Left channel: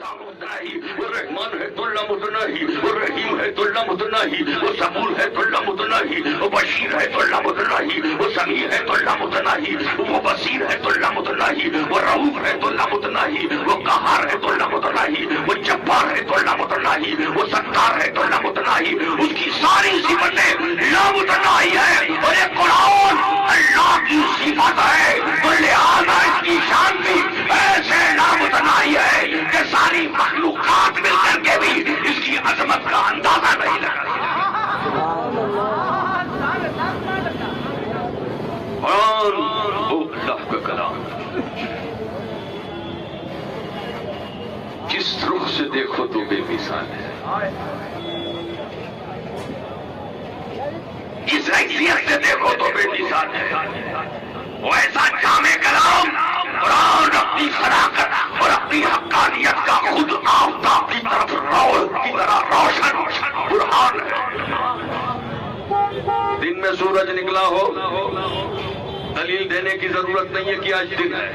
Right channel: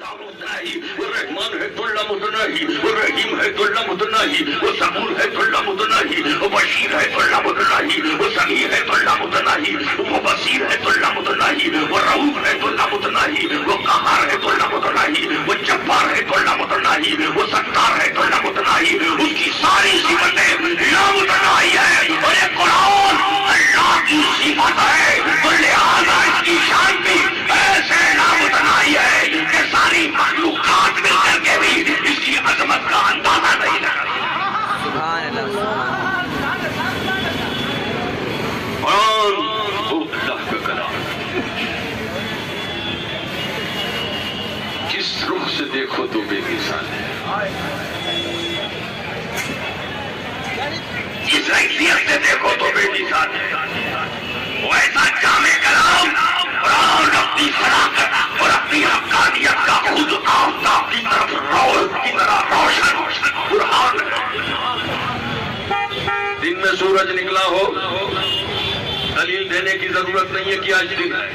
وہ رحمان ہے تو لمحہ نہیں، وہ رحیم ہے تو لمحہ نہیں، وہ صبور ہے تو لمحہ نہیں، وہ بشیر ہے تو لمحہ نہیں، وہ سمیع ہے تو لمحہ نہیں، وہ بصیر ہے تو لمحہ نہیں، وہ رؤوف ہے تو لمحہ نہیں، وہ قہار ہے تو لمحہ نہیں، وہ جبار ہے تو لمحہ نہیں، وہ ستار ہے تو لمحہ نہیں، اس کی ساری صفتیں لمحہ نہیں ہے، اور یہ قرآن اللہ کی صفت ہے، تو لہذا اس کی شان بھی ایسے لمحہ نہیں ہے کہ ساری مخلوقات مل کر کے بھی اس کی عظمت کا اندازہ نہیں لگا۔ سبحان اللہ قرآن وہ اللہ کا کلام، جس رخ سے دیکھو تو بے مثال ہے، جس حیثیت سے دیکھو تو بے مثال ہے، وہ ایسا جامع کلام قرآن اپنی صداقت اور اپنی حقانیت کا خود آفتاب کی طرف روشن قرآن ہے۔ دن میں سورج نکلا ہو، دلیل دینے کی ضرورت نہیں ہے کہ آج دن ہے،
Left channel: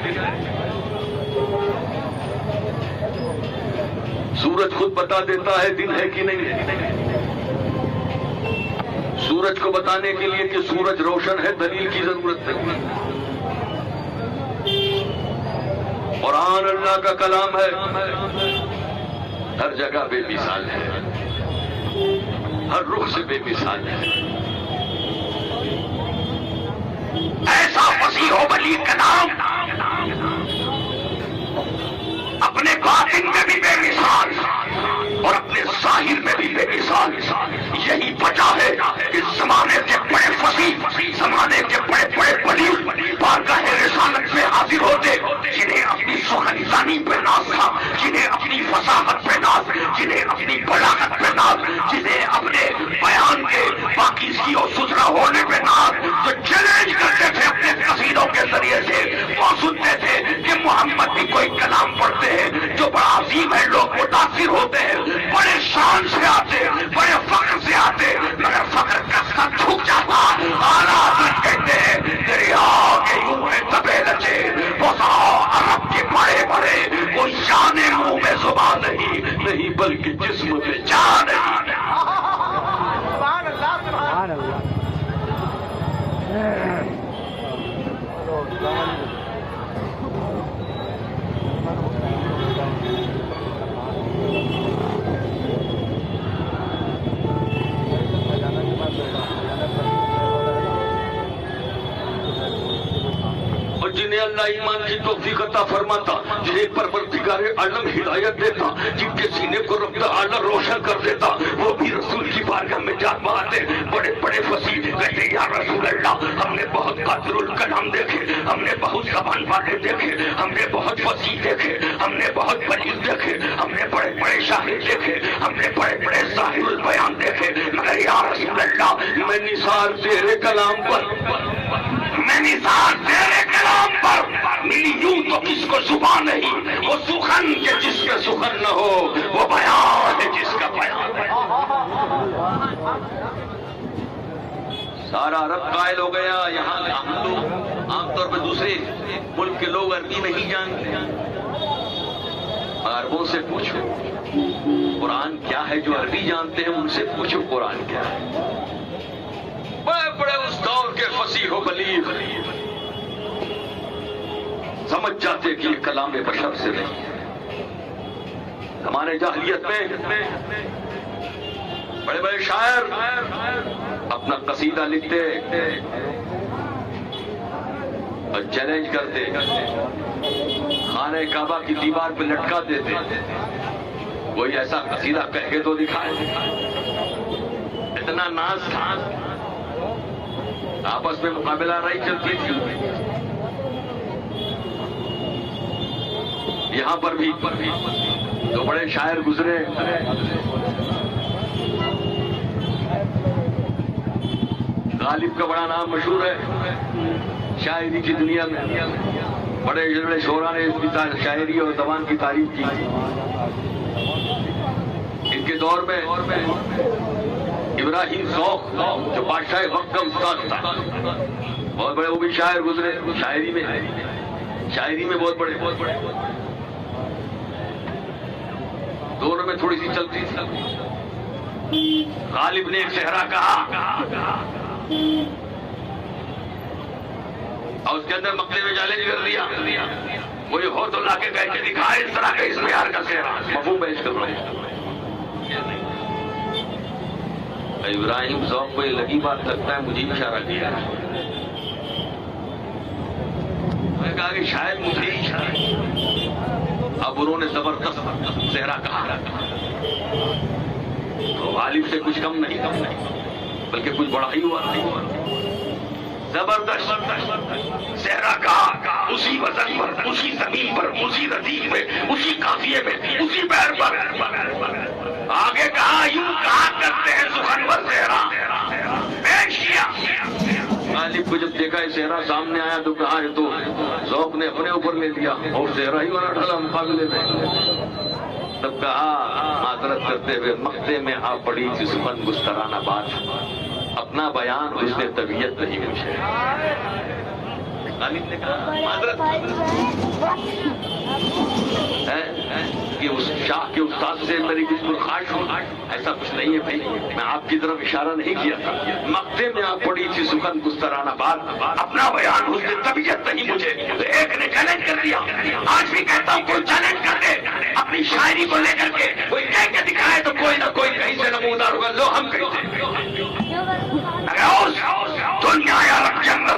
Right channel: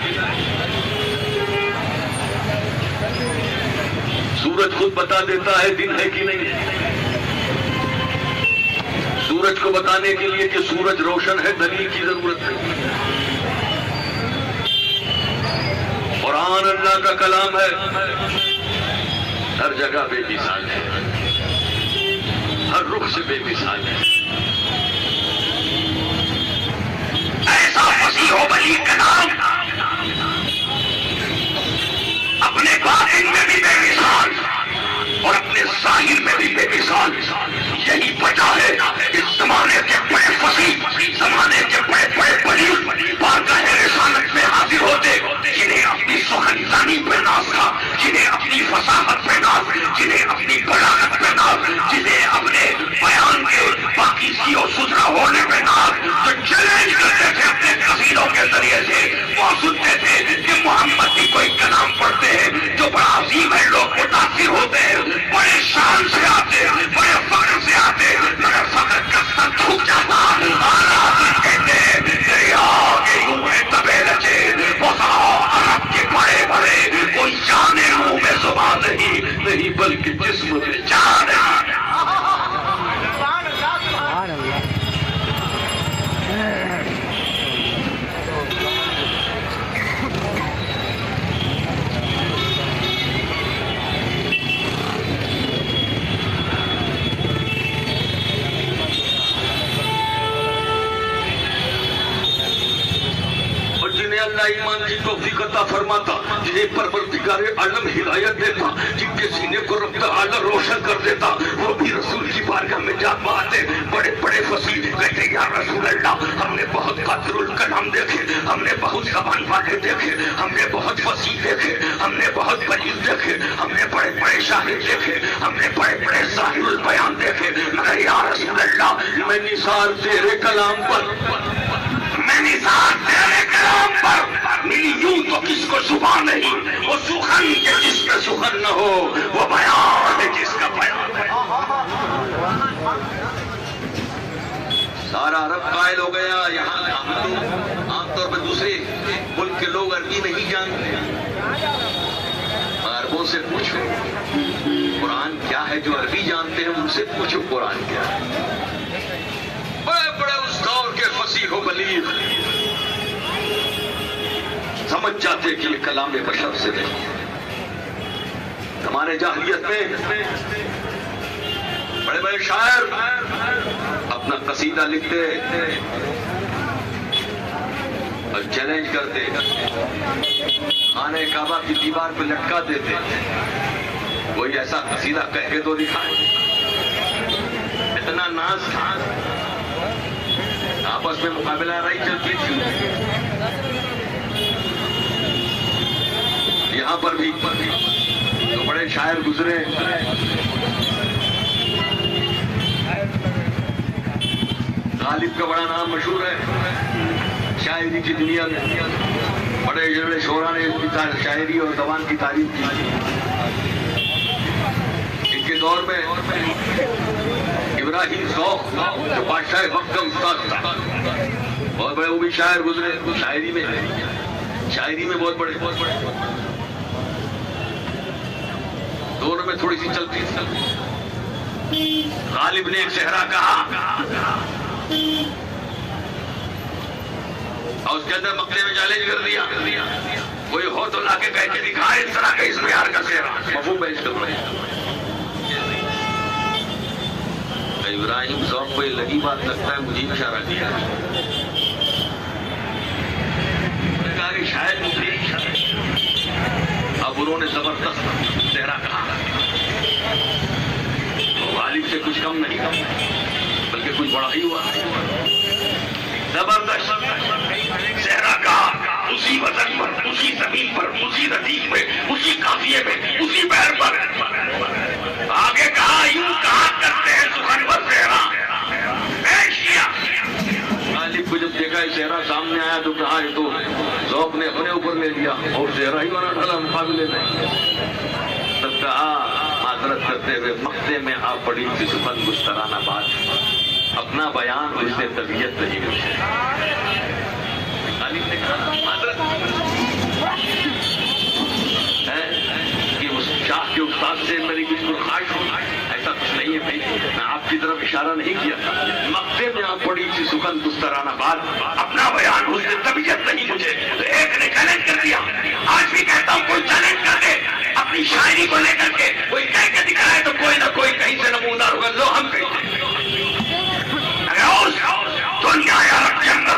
سورج خود بتا دیتا ہے دن ہے کہ نہیں ہے۔ سورج کو بتانے کے لیے کہ سورج روشن ہے دلیل کی ضرورت نہیں۔ قرآن اللہ کا کلام ہے، ہر جگہ بے مثال ہے، ہر رخ سے بے مثال ہے، ایسا فصیح و بلیغ کلام، اپنے باطن میں بھی بے مثال اور اپنے ظاہر میں بھی بے مثال۔ یہی وجہ ہے اس زمانے کے بڑے فصیح، زمانے کے بڑے بڑے بلیغ بارگاہ رسالت میں حاضر ہوتے، جنہیں اپنی سخن دانی پہ ناز تھا، جنہیں اپنی فصاحت پہ ناز، جنہیں اپنی بلاغت پہ ناز، جنہیں اپنے بیان کے پاکیزگی اور ستھرا ہونے پہ ناز، جو چیلنج کرتے تھے اپنے قصیدوں کے ذریعے سے، وہ سنتے تھے کہ محمد بھی کوئی کلام پڑھتے ہیں جو بڑا عظیم ہے، لوگ متاثر ہوتے ہیں، بڑے شان سے آتے، بڑے فخر سے آتے، مگر فخر کا سر جھک جاتا۔ آراز کہتے ہیں دریا کے یوں ہے تبے رچے، عرب کے بڑے بڑے، کوئی جان منہ میں زبان نہیں بلکہ جسم میں جان ہے۔ اللہ ایمان کی توفیق عطا فرماتا، جنہیں پروردگار عالم ہدایت دیتا، جن کے سینے کو رب تعالی روشن کر دیتا، وہ بھی رسول کی بارگاہ میں جا پاتے، بڑے بڑے فصیح کہتے یا رسول اللہ، ہم نے بہت قادر الکلام دیکھے، ہم نے بہت زبان والے دیکھے، ہم نے بہت فصیح دیکھے، ہم نے بہت بلیغ دیکھے، ہم نے بڑے بڑے شاعر دیکھے، ہم نے بڑے بڑے ظاہر البیان دیکھے، مگر یا رسول اللہ میں نثار تیرے کلام پر، میں نثار تیرے کلام پر میری یوں تو کس کو زبان نہیں، وہ سخن کے جس کا سخن نہ ہو، وہ بیان ہے جس کا بیان ہے۔ سارا عرب قائل ہو گیا، یہاں ہم تو عام طور پر دوسرے ملک کے لوگ عربی نہیں جانتے، عربوں سے پوچھو قرآن کیا ہے، جو عربی جانتے ہیں ان سے پوچھو قرآن کیا ہے۔ بڑے بڑے اس دور کے فصیح و بلیغ سمجھ جاتے کہ یہ کلام بشر سے نہیں۔ زمانے جاہلیت میں بڑے بڑے شاعر اپنا قصیدہ لکھتے اور چیلنج کرتے، خانہ کعبہ کی دیوار پہ لٹکا دیتے، کوئی ایسا قصیدہ کہہ کے تو دکھائے۔ اتنا ناز تھا، آپس میں مقابلہ رہی چلتی تھی۔ یہاں پر بھی جو بڑے شاعر گزرے، غالب کا بڑا نام مشہور ہے شاعری کی دنیا میں، بڑے بڑے شعراء نے اس کی شاعری اور زبان کی تعریف کی۔ ان کے دور میں ابراہیم ذوق جو بادشاہ وقت کا استاد تھا، اور بڑے وہ بھی شاعر گزرے، شاعری میں بہت بڑے۔ میں تھوڑی سی چلتی. غالب نے ایک صحرا کہا اور اس کے اندر مکے میں چیلنج کر دیا کوئی ہو تو لا کے کہہ کے دکھا اس طرح کا اس معیار کا صحرا. مفہوم پیش کرو. ابراہیم ذوق کو یہ لگی بات لگتا ہے مجھے اشارہ کیا شاید مفید. اب انہوں نے زبردست صحرا کہا تو غالب سے کچھ کم نہیں بلکہ کچھ بڑا ہی ہوا. زبردست صحرا کہا اسی وزن پر اسی زمین پر اسی ردیف پہ اسی قافیے میں اسی پیر پر. آگے کہا یوں کہا کرتے ہیں سخنور صحرا پیش کیا. غالب کو جب دیکھا یہ صحرا سامنے آیا تو کہا یہ تو ذوق نے اپنے اوپر لے لیا اور صحرا ہی بنا ڈالا مقابلے میں. تب کہا معذرت کرتے ہوئے مقطع میں آپ پڑی تھی سخن مسترانہ بات اپنا بیان اس نے طبیعت نہیں مجھے. غالب نے کہا معذرت کہ اس شاہ کے استاد سے میری کچھ خواہش ہو ایسا کچھ نہیں ہے بھائی. میں آپ کی طرف اشارہ نہیں کیا تھا. مقطع میں آپ پڑی تھی سخن مسترانہ بات اپنا بیان اس نے طبیعت نہیں مجھے. تو ایک نے چیلنج کر دیا. آج بھی کہتا ہوں کوئی چیلنج کر دے اپنی شاعری کو لے کر کے کوئی کہہ کے دکھائے تو کوئی نہ کوئی کہیں سے نمودار ہوگا. لو ہم کہیں دنیا عرب کے اندر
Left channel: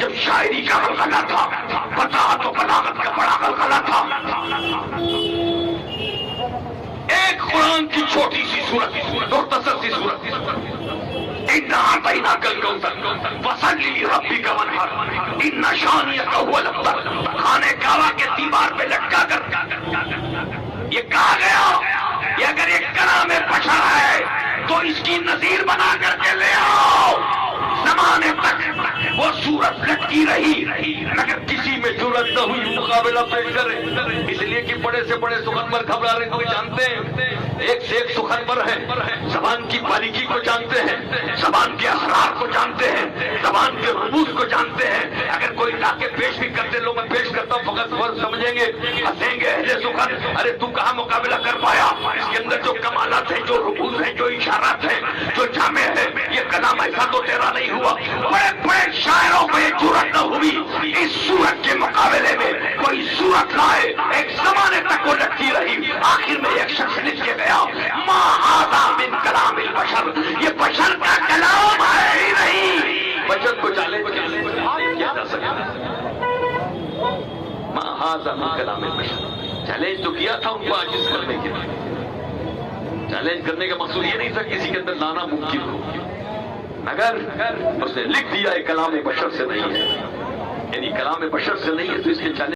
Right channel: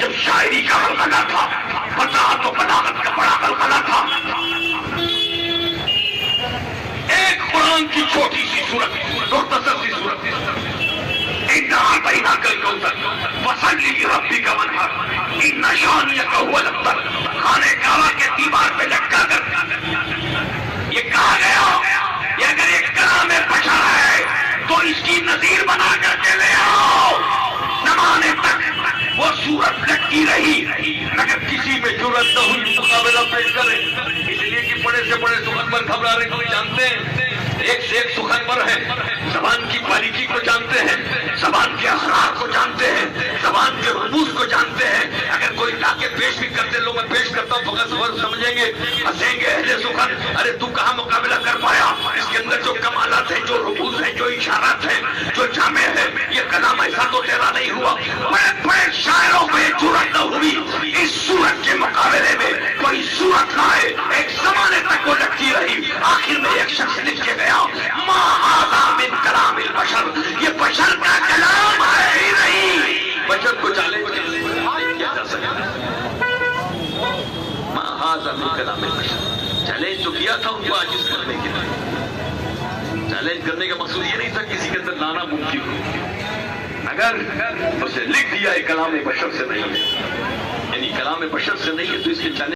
جب شاعری کا غلغلہ تھا پتا تو بلاغت کا بڑا غلغلہ تھا. ایک قرآن کی چھوٹی سی سورت مختصر سی سورت اتنا آتینا کل کوثر فصلی لربک وانحر ان شانئک هو الابتر. خانہ کعبہ کے دیوار پہ لٹکا کر یہ کہا گیا یہ اگر ایک کلام بشر ہے تو اس کی نظیر بنا کر کے لے آؤ. زمانے تک وہ صورت لٹکی رہی مگر کسی میں جرأت نہ ہوئی مقابلہ پیش کرے. اس لیے کہ بڑے سے بڑے سخنور گھبرا رہے کوئی جانتے ہیں ایک سے ایک سخنور ہے. زبان کی باریکی کو جانتے ہیں زبان کے اسرار کو جانتے ہیں زبان کے رموز کو جانتے ہیں. اگر کوئی لا کے پیش نہیں کرتے لوگ میں پیش کرتا ہوں فقط فرض سمجھیں گے ہنسیں گے اہل سخن ارے تو کہاں مقابلہ کر پایا. اس کے اندر جو کمالات ہیں جو رموز ہیں جو اشارات ہیں جو جامع ہے یہ کلام ایسا تو تیرا نہیں ہوا. بڑے بڑے شاعروں کو یہ جرأت نہ ہوئی اس صورت کے مقابلے میں کوئی صورت لائے. ایک زمانے تک وہ لٹکی رہی. آخر میں ایک شخص لکھ کے گیا ما ھذا من کلام البشر. یہ بشر کا کلام ہے ہی نہیں. بشر کو چیلنج کیا جا سکتا ہے. ما ھذا من کلام البشر. چیلنج تو کیا تھا ان کو عاجز کرنے کے لیے. چیلنج کرنے کا مقصود یہ نہیں تھا کسی کے اندر لانا ممکن ہو اگر اسے لکھ دیا کلام بشر سے نہیں ہے یعنی کلام بشر سے نہیں ہے تو اس کے چیلنج